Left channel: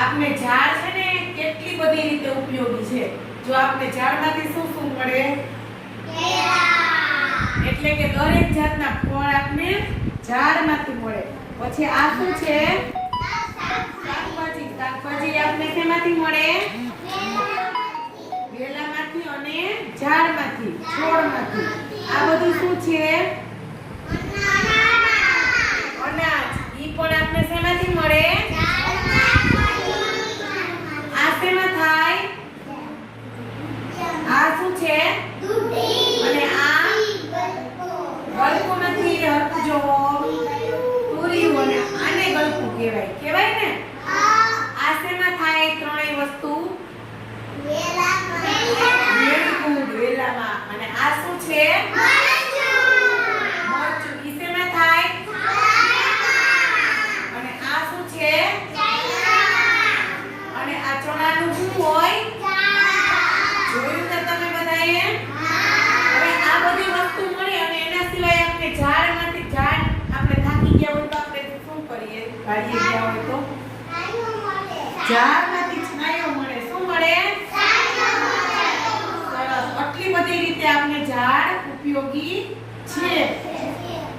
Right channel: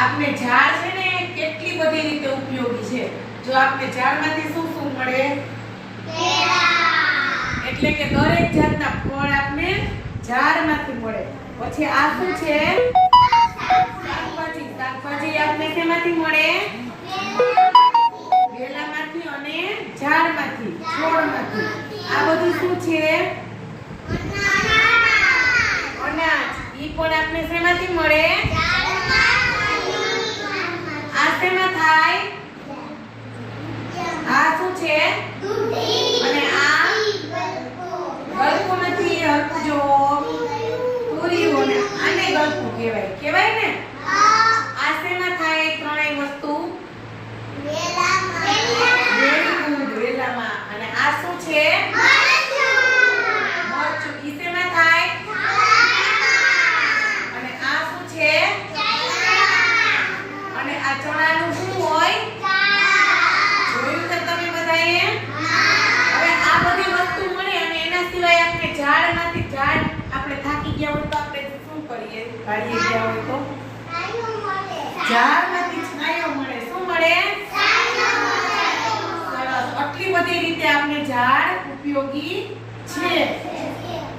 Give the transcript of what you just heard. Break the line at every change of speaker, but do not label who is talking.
આપણે ઝાડ છે ને કેટલી બધી રીતે ઉપયોગી છે? જો આપણે ઝાડમાંથી શું શું મળે? એટલે કે દરેક જાતના ફળ આપણે ઝાડમાંથી મળે. પછી આ શું છે? શાકભાજી. શાકભાજી આપણે શેમાંથી મળે? વેલામાંથી અને ઝાડમાંથી છોડમાંથી. આ બધું શું છે અનાજ ઈ પણ આપણે શેમાંથી મળે આ શેમાં થાય? આ શું છે? અને આ? ગલકો નથી હરકું જો તુરિયું અને આને ગલકું કહેવાય. કહેવાય ને આ શેમાં થાય ત્રણેય વસ્તુ વેરી ગુડ વેલામાં અને આ શું છે મરચું ઈ શેમાં થાય અને આ શું છે અને આ ચણાનું શું હોય? જોયું તો તમે બધાએ? હવે આ બધી વસ્તુ મળી અને એના સિવાય આપણે ઝાડમાંથી ઝાડ આપણે થાકી ગયા હોય તો આપણે શું કરીએ? કાઢીએ ગયા હોય તો? ઝાડમાંથી છાંયો મળે. શું મળે? સરસ. આટલી બધી રીતે આપણે ઝાડ ઉપયોગી છે.